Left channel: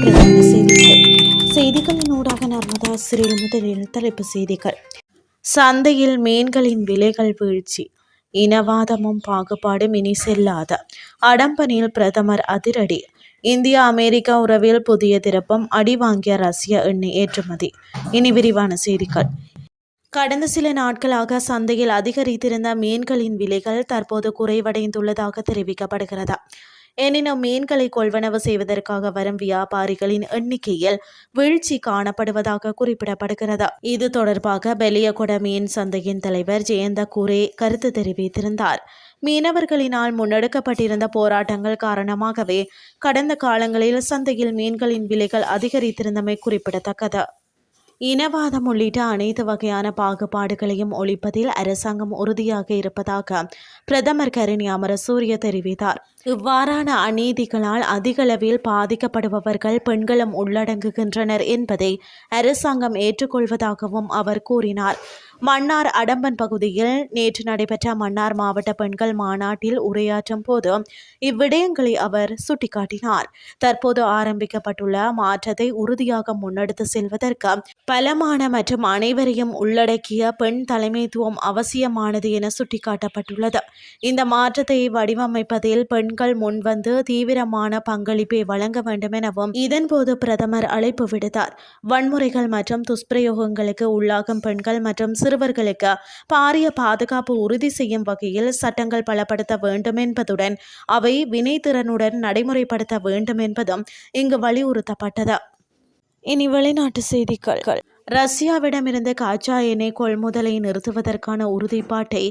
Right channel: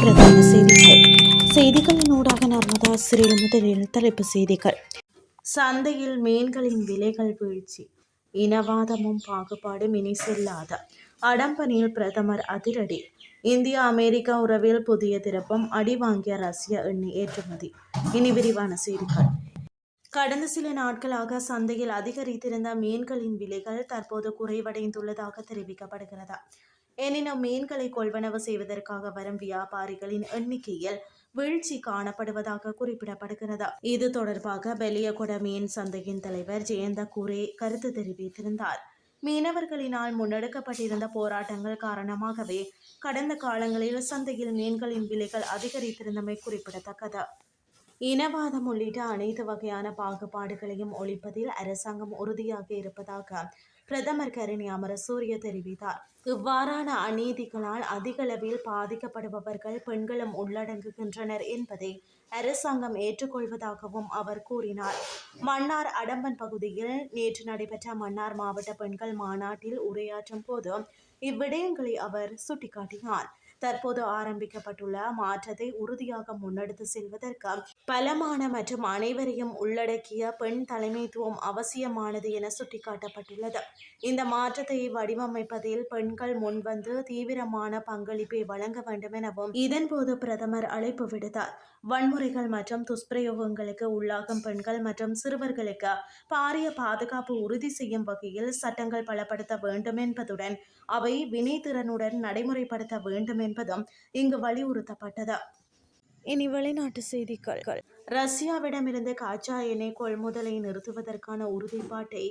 பிரதான செய்திகள். செய்திகளின் ஊடாக நர்மதா சிறில் முதலில் தலைப்பு செய்திகள். சந்தையில் மீன்களின் விலைகள் வீழ்ச்சி. இனவாதமும் பாகுபாடும் இனி செல்லாத. அடம்பனில் பிரதமர் அதிரடி. இந்தியா அமெரிக்கா உறவில் புதிய திருப்பம் அடி வாங்கிய ரஷ்ய எண்ணெய் ஏற்றுமதி. இனி விரிவான செய்திகள். கடந்த சில நாட்களாக சந்தையில் அதிகரித்திருந்த மீன்களின் விலைகள் தற்போது குறைவடைந்துள்ளதாக தெரிவிக்கப்படுகிறது? எனினும் மீன்களை கொள்வனவு செய்வதற்காக வரும் வியாபாரிகளின் எண்ணிக்கையில் வீழ்ச்சி காணப்படுவதாக குறிப்பிடப்படுகிறது. இது தொடர்பாக பெலியகொட மீன் சந்தையின் தலைவர் ஜெயந்த கூரே கருத்து தெரிவித்திருந்தார். மீனவர்களினால் முன்னெடுக்கப்பட்டிருந்த போராட்டங்கள் காரணமாகவே கடந்த காலங்களில் சந்தையில் மீன்களின் விலைகள் அதிகரித்திருந்தமை குறிப்பிடத்தக்கது. இனவாதம் உள்ளிட்ட அனைத்து வகையான பாகுபாடுகளையும் ஒழிப்பதில் அரசாங்கம் உறுதியாக இருப்பதாக பிரதமர் கரணி அமரசூரிய தெரிவித்தார். இவ்வாறான அநீதிகளால் அதிகளவில் பாதிக்கப்படுபவர்கள் பெண்களும் உள்ளடங்குகின்றனர் என்பதை அரசாங்கம் ஏற்றுக்கொள்வதாகவும் அவர் கூறினார். மன்னார் அடம்பன் பகுதியில் நேற்று நடைபெற்ற மன்னார் மாவட்ட பெண்கள் மாநாட்டில் உரையாற்றும் போது இவ்விடயங்களை அவர் சுட்டிக்காட்டினார். தற்போது ஆரம்பிக்கப்பட்டுள்ள மாற்றத்தை உறுதியாக முன்னெடுத்து செல்வதற்கு பலமான மற்றும் அனைவரையும் உள்ளடக்கிய பெண் தலைமைத்துவம் அவசியமானது என சுட்டிக்காட்டப்பட்டுள்ளது. இந்த மாற்றத்தை வடிவமைப்பதில் பெண் பெண்கள் முன்வந்து தீவிரமான பங்களிப்பை வழங்க வேண்டும் எனவும் இதன்போது பிரதமர் அழைப்பு விடுத்தார். வன்முறைகள் மற்றும் துஷ்பிரயோகங்களுக்கு உள்ளாகும் பெண்கள் மற்றும் சிறுவர்களுக்கு பாரிய பாதுகாப்பு உறுதி செய்யும் வகையில் சட்டங்கள் பலப்படுத்த வேண்டும் என்பதுடன் அவை வினைத்திறனுடன் நடைமுறைப்படுத்த வேண்டும் என்பதும் இங்கு வலியுறுத்தப்பட்டது. இனி வெளிநாட்டு செய்திகள். ரஷ்யாவிடமிருந்து காச்சா எண்ணெய் கொள்முதலை நிறுத்துவதற்கான உறுதிப்பாட்டை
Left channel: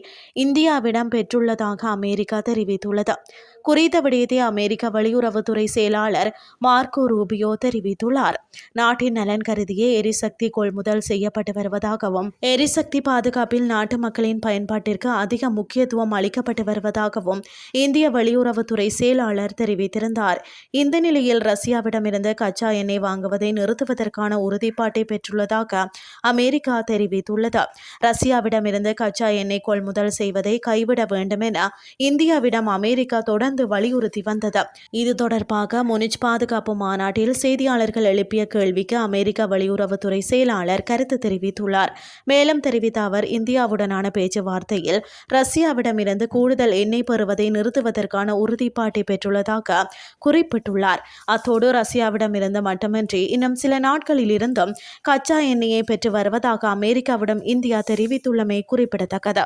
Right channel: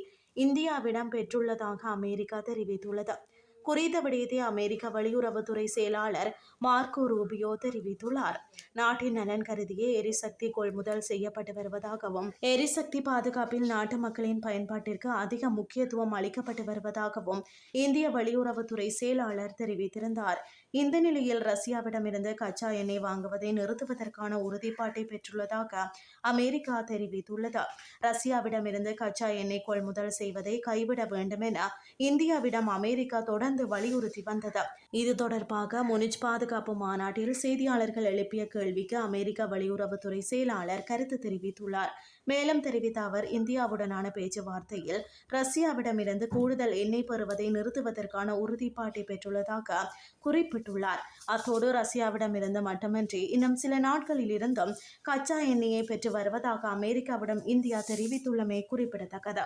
இந்தியாவிடம் பெற்றுள்ளதாக அமெரிக்கா தெரிவித்துள்ளது. குறித்த விடயத்தை அமெரிக்க வெளியுறவுத்துறை செயலாளர் மார்க்கோ ரூபியோ தெரிவித்துள்ளார். நாட்டின் நலன் கருதியே எரிசக்தி கொள்முதல் செய்யப்பட்டு வருவதாகவும் எரிசக்தி பாதுகாப்பில் நாட்டு மக்களின் பயன்பாட்டிற்கு அதிக முக்கியத்துவம் அளிக்கப்பட்டு வருவதாகவும் இந்திய வெளியுறவுத்துறை செயலாளர் தெரிவித்திருந்தார். இந்த நிலையில் ரஷ்யாவிடமிருந்து கச்சா எண்ணெய் வாங்குவதை நிறுத்துவதற்கான உறுதிப்பாட்டை பெற்றுள்ளதாக அமெரிக்கா தெரிவித்துள்ளது. ரஷ்யாவிடமிருந்து கச்சா எண்ணெய் கொள்முதல் செய்வதை கைவிட வேண்டும் என இந்தியாவிடம் அமெரிக்கா தொடர்ந்து வலியுறுத்தி வந்தது. இது தொடர்பாக முனிச் பாதுகாப்பு மாநாட்டில் செய்தியாளர்கள் எழுப்பிய கேள்விக்கு அமெரிக்க வெளியுறவுத்துறை செயலாளர் கருத்து தெரிவித்துள்ளார். மேலும் தெரிவித்த அவர் இந்தியாவுடனான பேச்சுவார்த்தையில் ரஷ்யாவிடமிருந்து கூடுதல் எண்ணெய் பெறுவதை நிறுத்துவதற்கான உறுதிப்பாட்டை பெற்றுள்ளதாக குறிப்பிட்டுள்ளார். அத்தோடு ரஷ்யாவிடமிருந்து மட்டுமின்றி இன்னும் சில நாட்களில் இருந்தும் கச்சா எண்ணெயை பெற்று வருவதாக அமெரிக்காவிடம் இந்தியா தெரிவித்துள்ளமை குறிப்பிடத்தக்கது.